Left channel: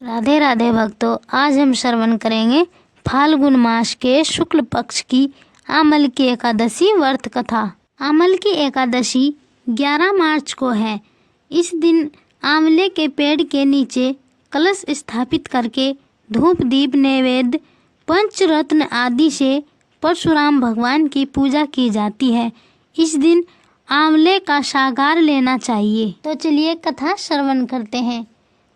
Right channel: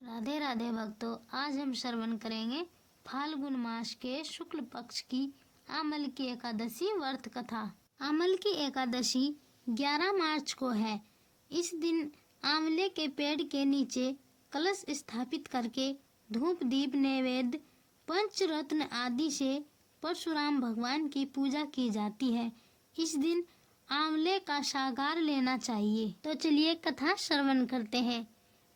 राधे राधे भक्तों, आज हम श्रवण करेंगे फाल्गुन मास के शुक्ल पक्ष की आमल की एकादशी व्रत कथा। आमल की एकादशी 11 मार्च को है। इस दिन आंवले के पेड़ के नीचे कलश स्थापित करके धूप दीप नैवेद्य पंचरत्न आदि से परशुराम भगवान की पूजा की जाती है। इस दिन आंवले का सागार लेना चाहिए। तो चलिए कथा श्रवण करते हैं।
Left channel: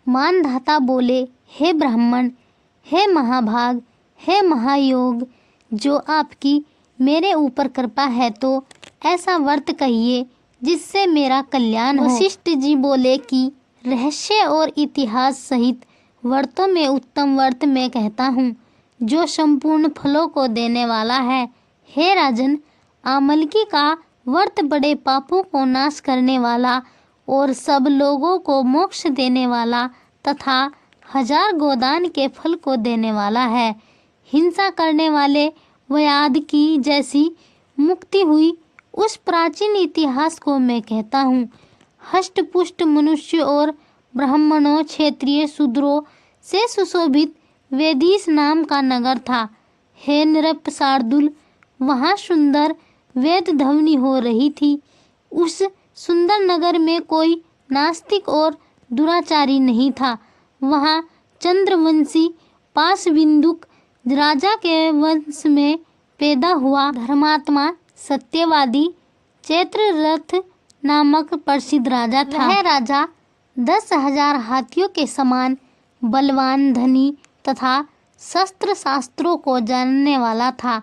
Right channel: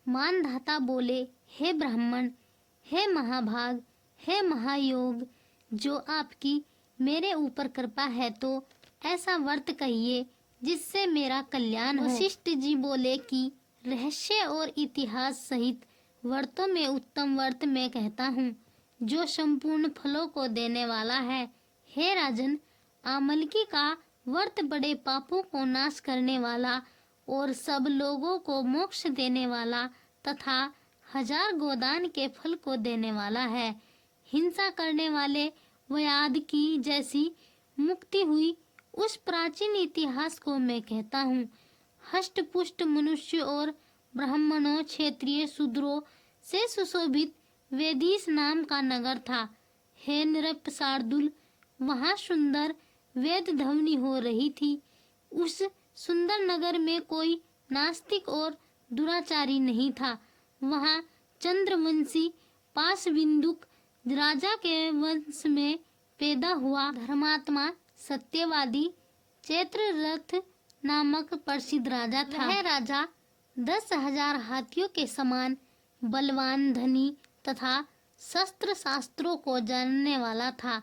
मानधाता बोले, हे ब्राह्मण, हे महाभाग, हे महायोग, जो आपकी मेरे ऊपर कृपा है तो ऐसा व्रत कहिए जिससे मेरा कल्याण हो। वशिष्ठ जी बोले कि रहस्य और इतिहास सहित व्रतों में उत्तम व्रत मैं कहता हूँ जो संपूर्ण फलों को देने वाला है। हे राजन, आमलकी का व्रत बड़े पापों को नाश करने वाला और सब लोगों को मोक्ष देने वाला तथा 1000 गोदान के फल को देने वाला है। हिंसा करने वाले व्याध की जैसी मुक्ति हुई उस प्राचीन इतिहास को मैं कहता हूँ। हष्ट पुष्ट मनुष्य और ब्राह्मणों, क्षेत्रीय, शूद्रों से सुशोभित वेदीस नाम का नगर था। हे नृप शार्दुल, वहाँ सुंदर वेद ध्वनि हो रही थी। उस सुंदर नगर में कोई नास्तिक और दुराचारी नहीं था। वहाँ चंद्रवंशी पाशविंदुक राजा के वंश में पैदा हुआ धर्मात्मा सत्यवादी चैत्ररथ नामक प्रसिद्ध राजा था। वह राजा 10,000 हाथियों के समान बलवान, धनी तथा शस्त्र शास्त्रों को जानने वाला था।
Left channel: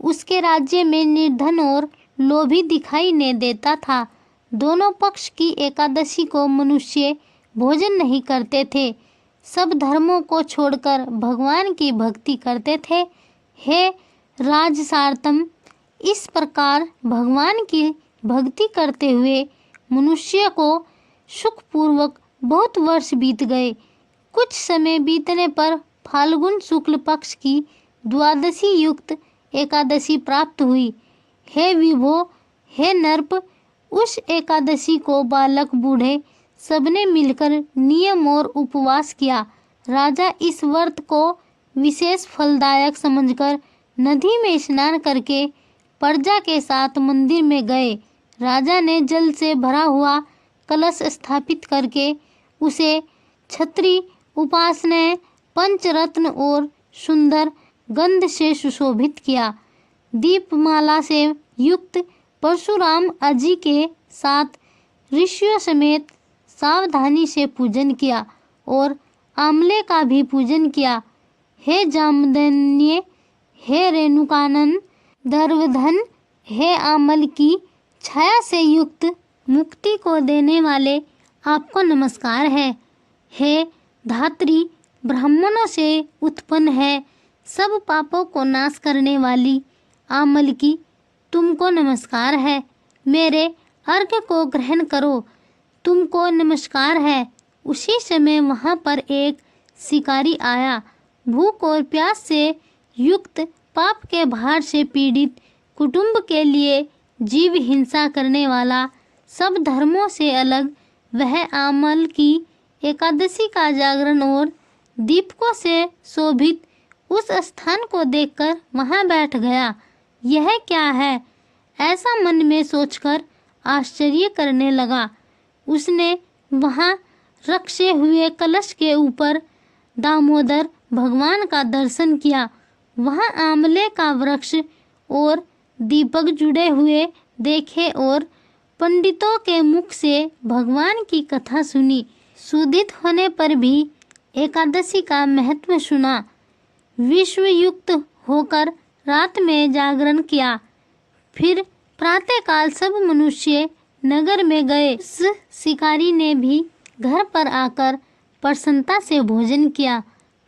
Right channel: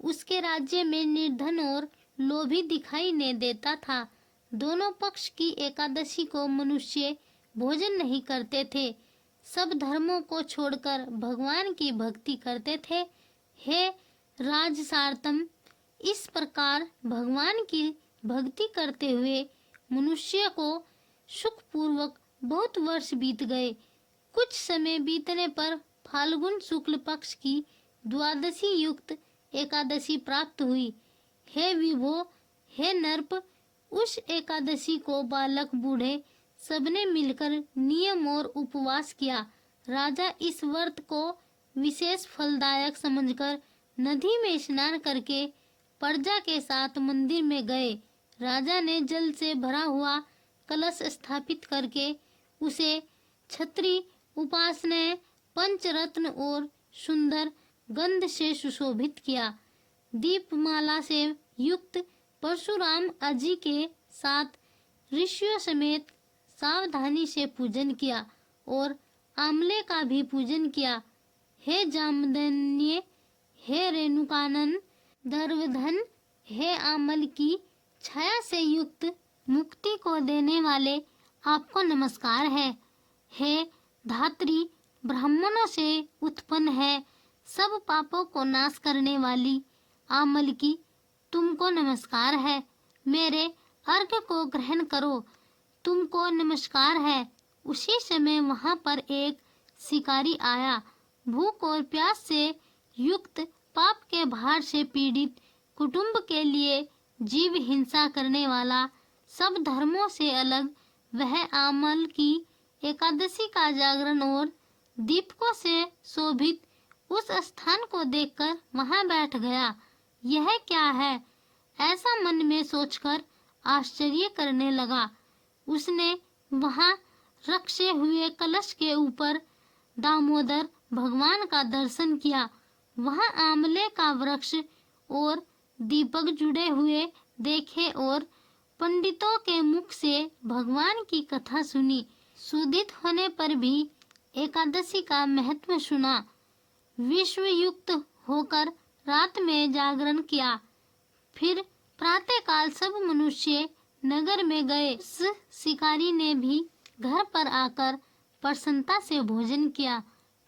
उसके राज्य में निर्धन और लोभी दिखाई नहीं देता था। दोनों पक्ष की एकादशी को मनुष्य भोजन नहीं करते थे। सब धर्मों को छोड़कर भगवान की भक्ति करते थे। हे राजसारतम, इस प्रकार भगवान की भक्ति करते हुए मनुष्य को सुखपूर्वक बहुत वर्ष बीत गए। कुछ समय बीतने पर फाल्गुन शुक्ल पक्ष की द्वादशी युक्त एकादशी प्राप्त हुई। हे विभो, हे नर्प, उस एकादशी को बालक बूढ़े सबने मिलकर नियम और उपवास किया। राजा इस व्रत को विशेष फलदायक समझकर नदी में स्नान करके प्रजा के साथ मंदिर में गए। राजा ने जल से भरा हुआ कलश स्थापित करके उसे छत्री, उपासना, पंचरत्न और सुंदर गंध से सुशोभित किया। दीपमाला से युक्त परशुराम अजी के साथ ऋषियों समेत सावधानी से पूजन किया और आमले का भी पूजन किया। हे जामदन्य, हे रेणुकानंद, दर्वधन, हे आमल की छाया से युक्त मुक्ति को देने वाले आपको नमस्कार है। हे धात्री, ब्राह्मणों से उत्पन्न है, सब पापों को नाश करने वाली आमल की तुमको नमस्कार है। मेरे अर्घ्य को ग्रहण करो, तुमको नमस्कार है। उसी समय वहाँ पर एक शिकारी आया। भूख और प्यास से युक्त, पाप के भार से पीड़ित, कुटुंब के लिए जीव हिंसा करने वाला, सब धर्मों से अलग, वह आमल की एकादशी का जागरण और दीपकों से शोभित उस स्थान को देखकर वहाँ बैठ गया। यह क्या है, ऐसा मन में सोचकर आश्चर्य करने लगा। उसने वहाँ रखे हुए कलश के ऊपर दामोदर भगवान का दर्शन किया। वहाँ आंवले का वृक्ष और दीपक जुड़े हुए देखे और पंडितों के मुख से भगवान की कथा सुनी। सुदित होने पर भी एकादशी का महत्व सुना। विश्वयुक्त होकर रात में जागरण किया। फिर प्रातःकाल सब मनुष्य नगर में गए। उस शिकारी ने भी घर पर आकर प्रसन्नता से भोजन किया।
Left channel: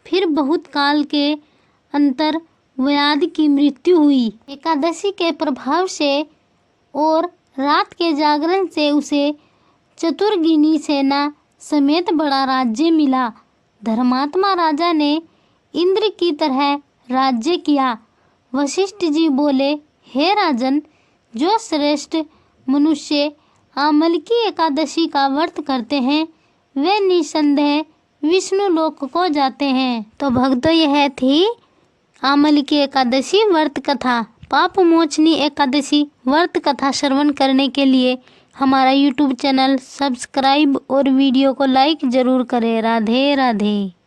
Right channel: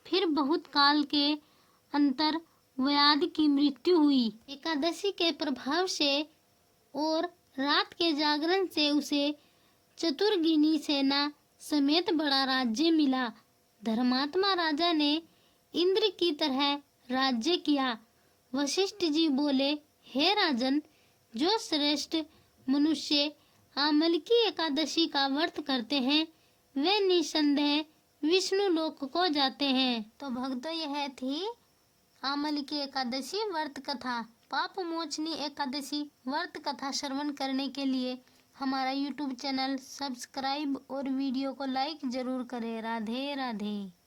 फिर बहुत काल के अंतर व्याध की मृत्यु हुई। एकादशी के प्रभाव से और रात के जागरण से उसे चतुर्गिनी सेना समेत बड़ा राज्य मिला। धर्मात्मा राजा ने इंद्र की तरह राज्य किया। वशिष्ठ जी बोले, हे राजन, जो श्रेष्ठ मनुष्य आमल की एकादशी का व्रत करते हैं वे निसंदेह विष्णु लोक को जाते हैं। तो भक्तों, यह थी आमल की एकादशी व्रत कथा। पाप मोचनी एकादशी व्रत कथा श्रवण करने के लिए हमारा YouTube चैनल सब्सक्राइब और वीडियो को लाइक जरूर करें। राधे राधे।